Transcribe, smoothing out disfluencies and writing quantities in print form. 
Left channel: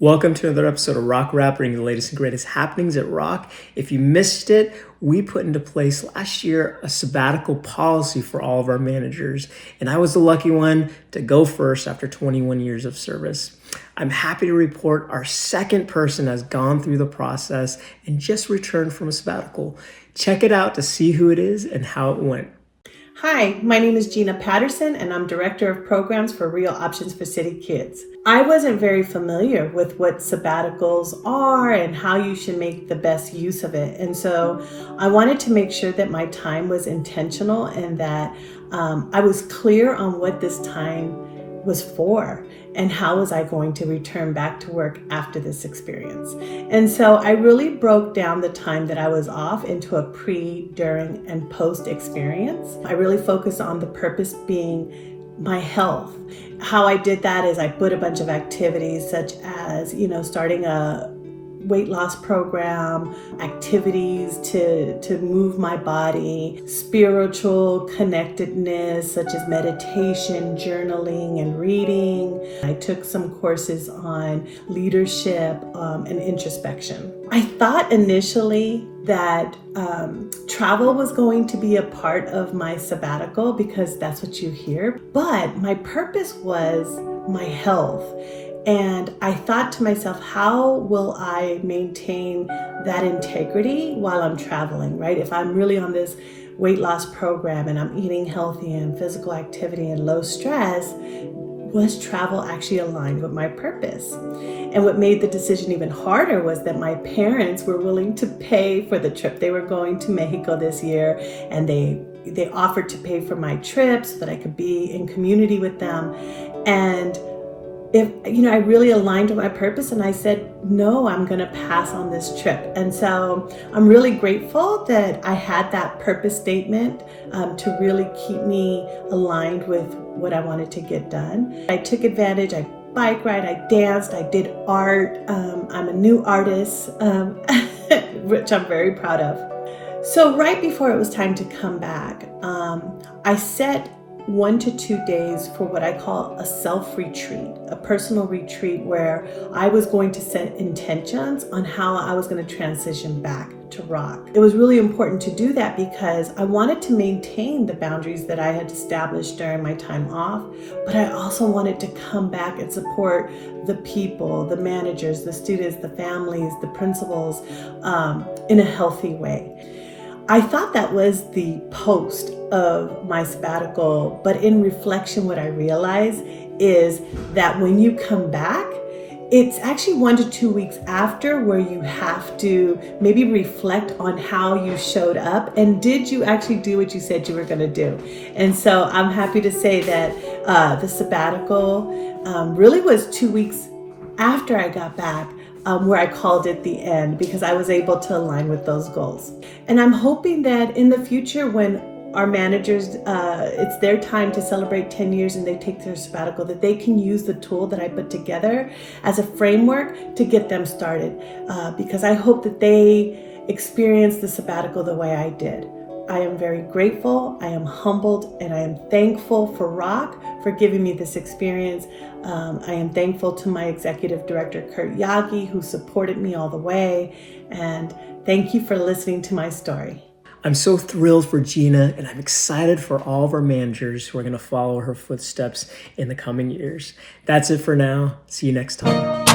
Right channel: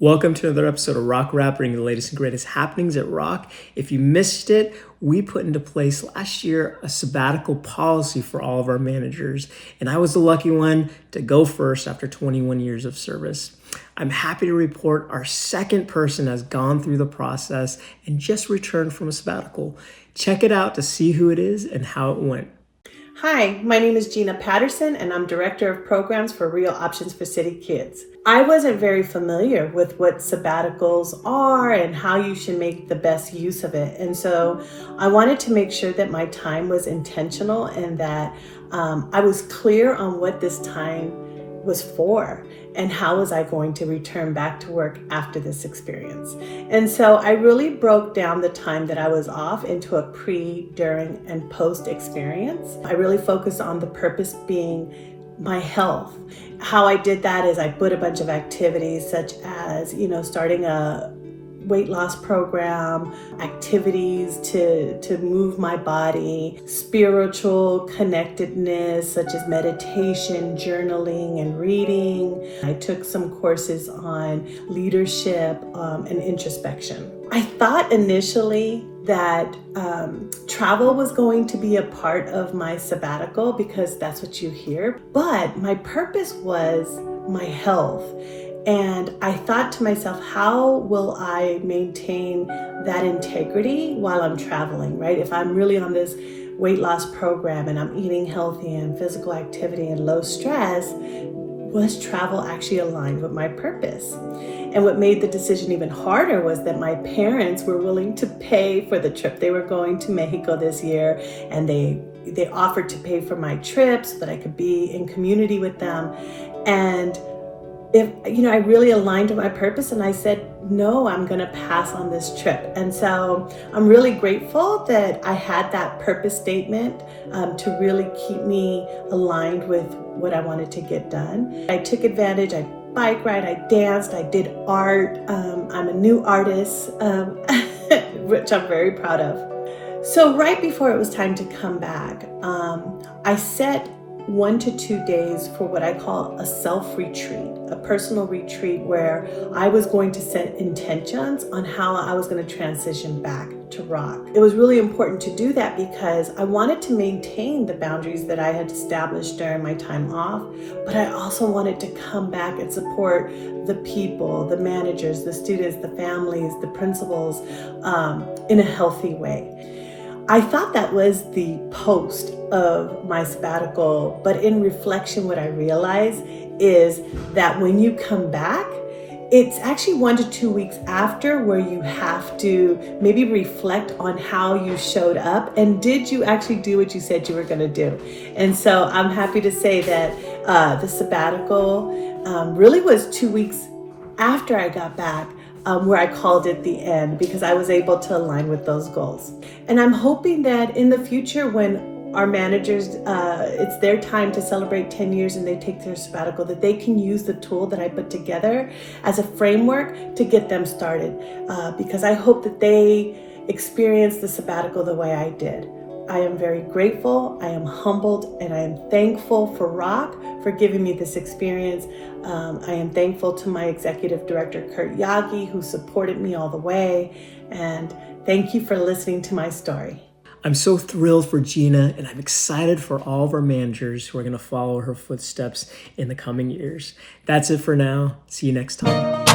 Welcome to another episode of R.O.C.K Wrap, bringing the latest and greatest happenings at R.O.C.K. If you missed it, we put into place last year a sabbatical policy for all of our managers, and I was the lucky one to go first after 21 years of service. I'm happy to report our second person has gone through the process and just returned from a sabbatical. Check it out to see who it is and how it went. Hi, my name is Gina Patterson, and I'm Director of Programs for Real Options for City Kids. I wasn't very familiar with what sabbaticals are and how you should make the best use of it. And so I wanted to make sure that my time was intentional and that I was clear on what this time was for and how was I going to return back to work after this experience. And so I really broke down the time that I was off into a pre, during, and post experience. I really focused on the purpose being my health. How I did that is I put a bunch of activities such as, starting a weight loss program, activities to move my body, spiritual connectedness such as meditation, journaling, and reading. I took some courses on leadership and introspection. I thought initially that travel was going to be a part of my sabbatical because that's what you hear, but my purpose was my health. And I thought to myself, how will I maintain that integrity while I'm traveling, right? If I'm really on this weight loss program and I'm eating healthy and physical activity and low stress, was travel actually aligned with my purpose? And what made the decision even harder was that my parents were willing to pay for the trip. They were going to Mexico this year, and they offered to pay for my trip so that I could be in community with them. And I really aligned with my purpose, and I said, no, I'm going to pass on this trip. And so I'm really grateful that I had that purpose statement to really keep me aligned with what I wanted to get done. I took advantage. I bike ride, I danced, I did art. I'm a new artist, which I'm very proud of. So right before it was time to come back, I set 1 to 2 days for what I call a self-retreat, a personal retreat where I was going to set intentions on how I was going to transition back to R.O.C.K. It was really important to do that because I wanted to maintain the boundaries that I had established during my time off, but I also wanted to come back and support the people, the managers, the students, the families, the principals in a healthy way. I thought that was the post of my sabbatical, but in reflection, what I realized is that when you come back, it's actually 1 to 2 weeks after where you have to maybe reflect on how you showed up and did you actually do what you said you were going to do. And so I'm happy to say that the sabbatical really was 2 weeks after I got back. Where I called it the end because I was able to align with those goals. And I'm hoping that in the future when our managers, it's their time to celebrate 10 years and they take their sabbatical, that they can use the tool that I put together as a framework to get them started because I hope that they experience the sabbatical the way I did. I am very grateful, I am humbled, and I am thankful for R.O.C.K for giving me this experience. I am thankful to my executive director, Curt Yagi, who supported me all the way. And thank you for listening to my story. I'm so thrilled for Gina, and I'm excited for all of our managers who are going to follow her footsteps in the coming years. That's it for now. See you next time.